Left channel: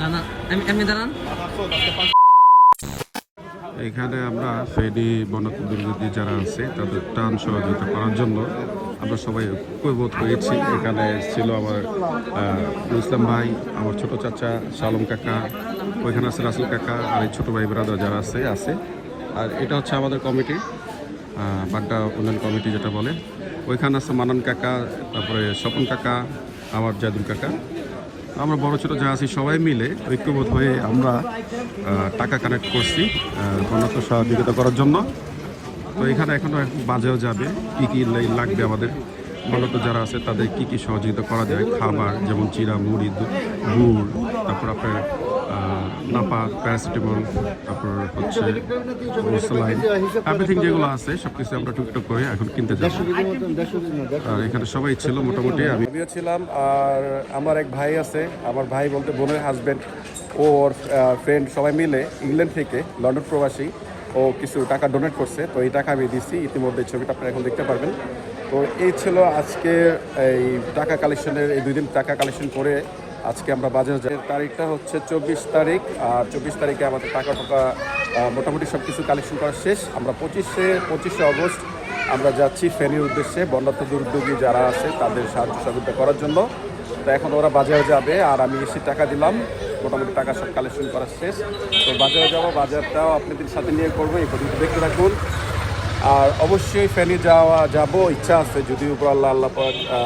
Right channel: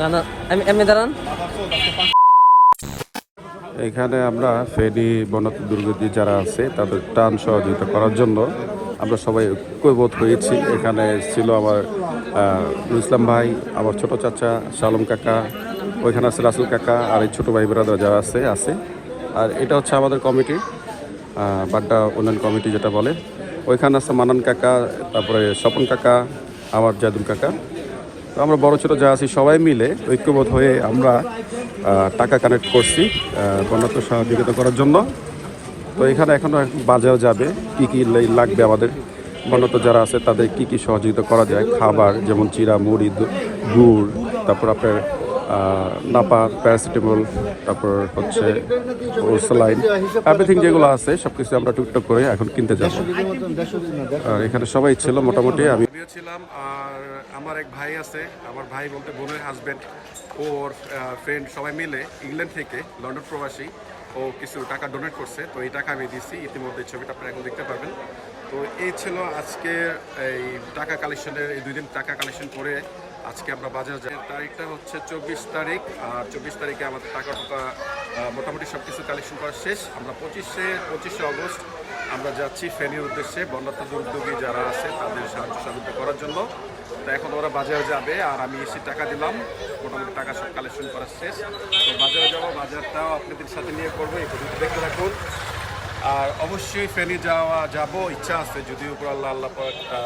না না এমনি দাঁড়ান। এখানে আমরা ফেনী বনাত্ম দুর্গতি যারা আছে তাদের ত্রাণ সহযোগিতা করার জন্য আমরা সবাই ঐক্যবোধ হয়েছি। এখানে ছিল আমার ইসলাম ভাই, আমার ছোট চাচা শালম কাকা, ওইখানে আছে রাসেল কাকা, আর এই ছোটো ভাই ব্রাদার যারা আছে। আর এটা হচ্ছে আমাদের কমিটি, বাড্ডা উন্নয়ন কমিটি যেটা বলে। ওইখানে আছে মানান কাকা, তারপরে স্বপন কাকা, আমার জাদুল কাকা। তো আমরা বড় ছোটো যা আছি সবাই মিলে ঐক্যবোধ হয়ে আমরা টাকা কানেক্ট করছি বন্যার্থ সহযোগিতা করার জন্য। তো এখানে এখনো বাজাও যাবে, কি কি লাগবে আমাদের বন্যার্থ যারা আছে তাদের কি কি সহযোগিতা করা যায়, খাবার যেমন চিরা, মুড়ি, গুড়, তারপর আপনার নাপা, প্যারাসিটামল, তারপর হচ্ছে স্যালাইন, এভরিথিং যেগুলো আছে সব কিছু আমরা টুকটাক করে এখন কিনতে যাব। আর এখানে সবাই ছিল মোটামুটি, আমিও ছিলাম। আর আমার এক ভাই আছে, আমার ভাই বলতে বোনের হাজব্যান্ড, ওর ফ্রেন্ড সবাই মিলে ইংল্যান্ড থেকে, লন্ডন প্রবাসী, ও কিছু টাকা ডোনেট করছে। তো এই টাকা আমি দিচ্ছি, ইতিমধ্যে ছবিটা আপনারা এখন দেখতে পারবেন। তো এই ছিল আজকে এই টাকা কালেকশনের, এই 2 দিন টাকা কালেকশন করে আজকে আমরা বাজার যাই। তারিখটা হচ্ছে 24 তারিখ, আর 24 তারিখে আমাদের টাকা মোটামুটি সব কিছু কালেকশন করা শেষ। আমরা 25শে অগস্ট আমরা যাচ্ছি ফেনীর উদ্দেশ্যে বন্যার্থ দুর্যোগী যারা আছে তাদের সাহায্য সহযোগিতা করার জন্য। তো এখন ওরা বাজারে যাবে, আর আমি এসে টাকা দিলাম, মোটামুটি টাকা সব কালেকশন করা শেষ। তো বাজারে যাবো, বাজারটাও আপনাদের সাথে নিয়ে করবো, এই পর্যন্ত দেখতে থাকুন। আর অবশ্যই ফেনী যাবো, ইচ্ছা আছে, যদি উপর আল্লাহ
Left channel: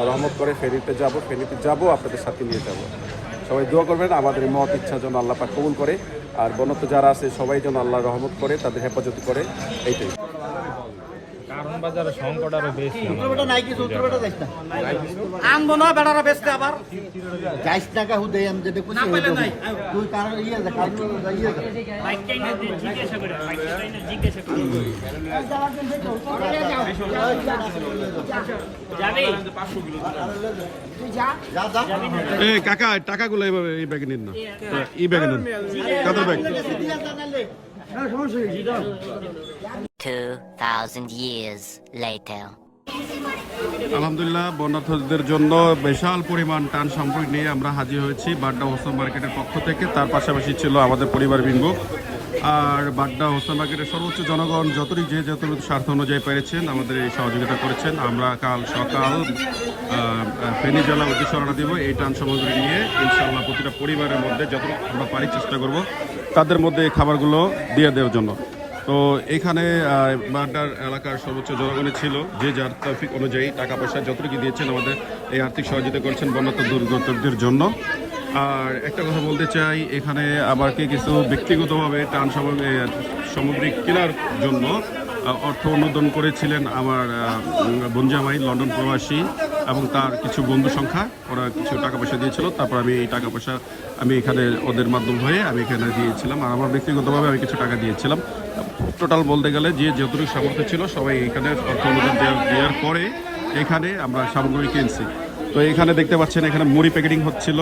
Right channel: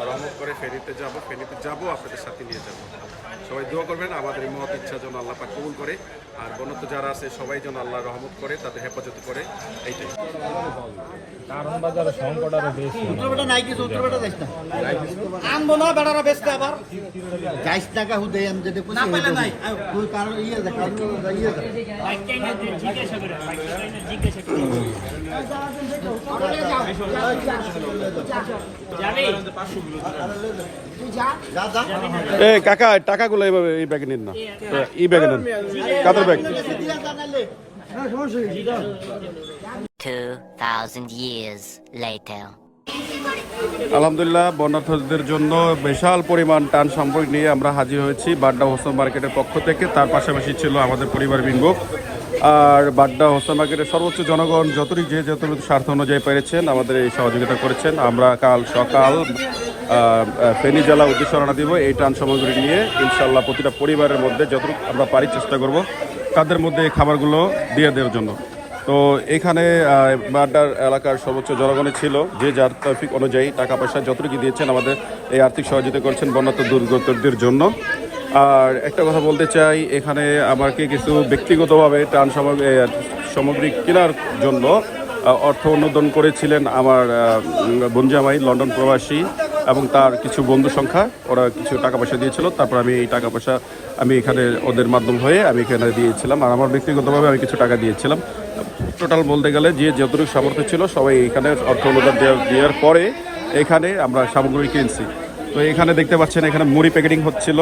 রহমত করে ফেনীতে যাবো, আপনাদের সাথে নিয়ে যাব। সবাই দোয়া করবেন আমাদের এই মহৎ ইচ্ছা যেন আল্লাহ পাক কবুল করে, আর বন্যার্থ যারা আছে সবাই যেন আল্লাহ রহমত করে, তাদের হেফাজত করে, এইটাই। কারণ বাজারে সংকট আরো বেশি। উত্তরটা নাই কিছু, উত্তরটা যাইস না। আনবো না বেড়ারা বেচতে আবার যাইস টাকা হুদে আমি যেতে খুশি না পাইলে নাই তুই কারণ ইয়ে যা কারণ ইয়ে বাইক টাইম জিজ্ঞাসা করে, বাইক টাইম জিজ্ঞাসা করে যাবি 500 কিলো তুই যা যা এ কাকা টাকাগুলো এইভাবে এই ব্যাগে নিন না, এই ব্যাগে নেন, কাদের ব্যাগ। 2000 years later. আলহামদুলিল্লাহ, বন্যার্থদের জন্য বিশাল পরিমাণ ত্রাণ সামগ্রী নিয়ে আমরা হাজির হয়েছি বাড্ডা হোসেন মার্কেটের পক্ষ থেকে। তার পাশাপাশি ছিল আমাদের পরিবার বিঙ্গ, আর বাড্ডা হোসেন মার্কেটের সর্বোচ্চ জনগণ যতটুকু স্বার্থ অনুযায়ী পেরেছেন আমাদের এই সহযোগিতা করেছেন। আমরা কাল সকাল ফেনী জেলা উদ্দেশ্যে রওনা দিব এই ত্রাণ সামগ্রী নিয়ে। ইনশাল্লাহ প্রতিটা পরিবারের মধ্যে যতটুকু আমরা পারি চেষ্টা করব তাদের মধ্যে এই খাবারগুলো দিয়ে দেওয়ার জন্য। তো এখানে বাড্ডার এলাকার সর্বোচ্চ জনগণই ছিল, যে যার তৌফিক অনুযায়ী টাকা পয়সা যতটুকু দিয়েছেন আমাদের এই আর্থিক সহযোগিতা করেছেন বন্যার্থ দুর্গতদের জন্য। আর একটা কথা বলতে চাই, এখানে আমাকে কিছু ব্যক্তিগতভাবে ত্রাণ সামগ্রী কেনার জন্য অর্থ অনুদান করেছিলেন আমার বনজামাই লন্ডন প্রবাসী এবং তার কিছু বন্ধু সংখ্যা, ওরা কিছু টাকা পয়সা দিয়েছিল। তারপর আমি এই টাকা পয়সা আমি এখানে ওদের মাধ্যম হয়ে আমি এখানে দিয়েছিলাম, আর আমার ব্যক্তিগতভাবে আমি কিছু টাকা দিয়েছিলাম। টোটাল বলতে গেলে যে যতটুকু সামর্থ্য ছিল সবাই এখানে অর্থ অনুদান দেওয়ার পরে এখানে আমরা সামগ্রী কিনছি। তো এখানে দেখতে পাচ্ছেন এখানে মুড়ি প্যাকেটিং হচ্ছিল,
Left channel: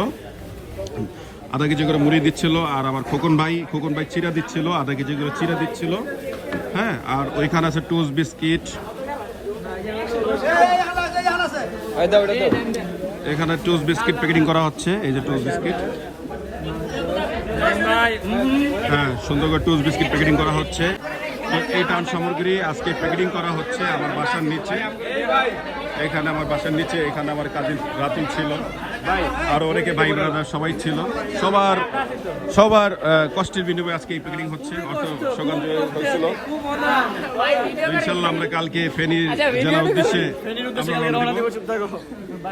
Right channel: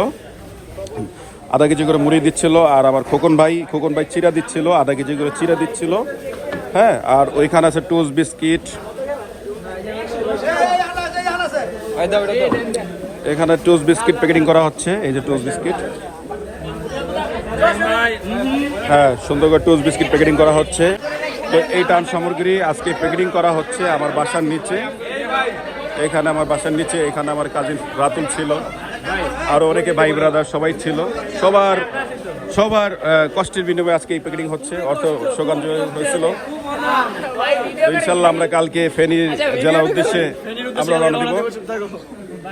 আধা কেজি করে মুড়ি দিচ্ছিল, আর আমার খোকন ভাই চিরা দিচ্ছিল, আধা কেজি করে চিরা দিচ্ছিল। হ্যাঁ, আর ওইখানে আছে টোস্ট বিস্কিট, এখানে টোস্ট বিস্কিট প্যাকেটিং করা হচ্ছে, এই যে টোস্ট বিস্কিট, হ্যাঁ সুন্দর করে টোস্ট বিস্কিট প্যাকেটিং করা হচ্ছে। তো এই ত্রাণ সামগ্রী আজকে প্যাকেটিং করা হচ্ছে আমার বাসার নিচে। এখানে আমার বাসার নিচে এখানে আমার কাজিন রাতুল ছিল, আরো অনেকে ভাই ব্রাদার সবাই ছিল। সবার কষ্টের বিনিময়ে আজকে এই প্যাকেটিং হচ্ছে, অর্থ সকাল হয়েছিল। ইনশাল্লাহ আমরা কালকে ফেনী জেলার উদ্দেশ্যে আমরা রওনা দিব।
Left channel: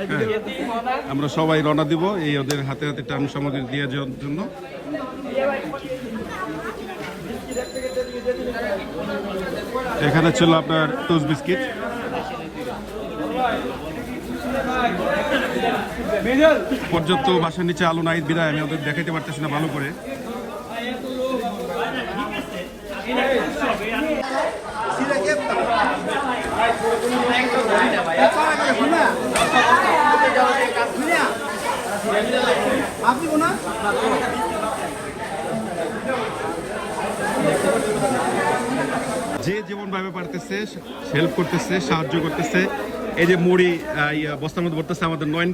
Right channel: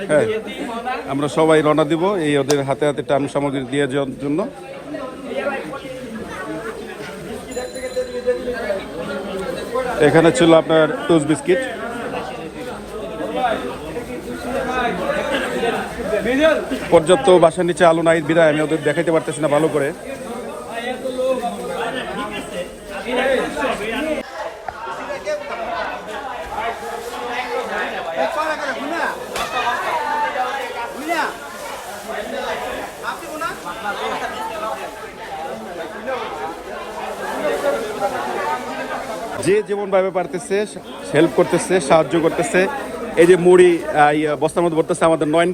হ্যাঁ, আমরা সবাই রওনা দিব এই ওদের হাতে হাতে ত্রাণ সামগ্রী দিয়ে যাওয়ার জন্য। এখানে ছিল আপনার টোস্ট বিস্কিট, পর্যাপ্ত বাসার নিচে আলো নাই বিদায় আমি ওদের দেখাইতে পারতেছি না ভালো করে। যে যেমন ভাবে পারতেছে হেল্প করতেছে, সাহায্য করতেছে। এই যে মুড়ি বস্তার মধ্যে ভরতেছে আমাদের নয়ন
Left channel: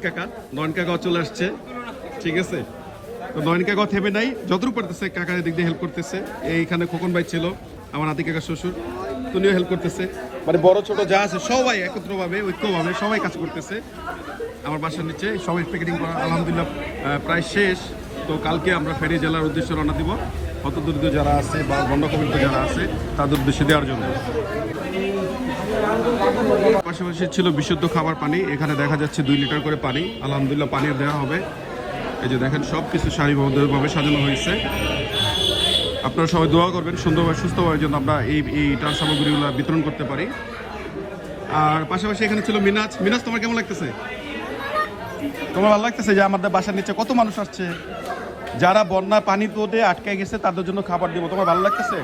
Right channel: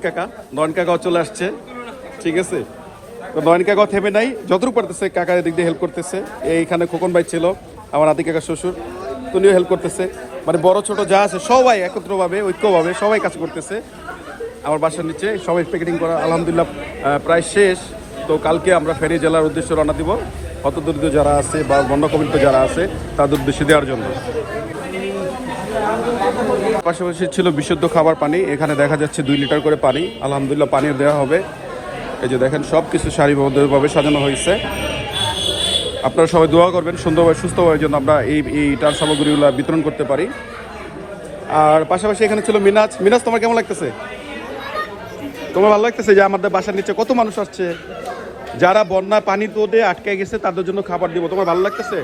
কাকাও চলে আসছে, ঠিক আছে। তো নয়ন কাকা থেমে নাই, যতটুকু পারতেছে কাকার দিক দিয়ে হেল্প করতেছে। এইখানে খোকন ভাই ছিল, আমার আদি কাকার শ্বশুর, উনিও হেল্প করতেছে। মানে বড় ছোট যা আছে সবাই একত্রভাবে ঐক্যভাবে সবাই কাজ করতেছে। আমার বাসার নিচে সবাই প্যাকেটিং করা আলহামদুলিল্লাহ প্রায় শেষ। তো কালকে আমরা ফেনী জেলার উদ্দেশ্যে রওনা দিব, হতদরিদ্র যারা আছে বা বন্যকবলিত যারা আছে তাদের উদ্দেশ্যে দেওয়ার জন্য। পাশাপাশি ছিল বিশুদ্ধ খাবার পানি, এখানে দেখা যাচ্ছে 2 লিটার করে পানি, আলহামদুলিল্লাহ পানি দেওয়া হবে। এই যে দেখেন সব কিছু সারিবদ্ধভাবে সাজানো হয়েছে। আপনারা সবাই দোয়া করবেন সুন্দরভাবে সুস্থভাবে যেন আমরা এইটার সামগ্রীগুলো বিতরণ করতে পারি। আর পাশাপাশি এখানে ছিল মিনাজ। মিনাজ, তোমার কেমন লাগতেছে? তোমার ভালো লাগতেছে যে আমাদের বাসার নিচে কত মানুষ আসছে, যারা বন্যা পানি তোদে আটকে গেছে তাদের জন্য খাবার দিব, তোমার ভালো লাগতেছে?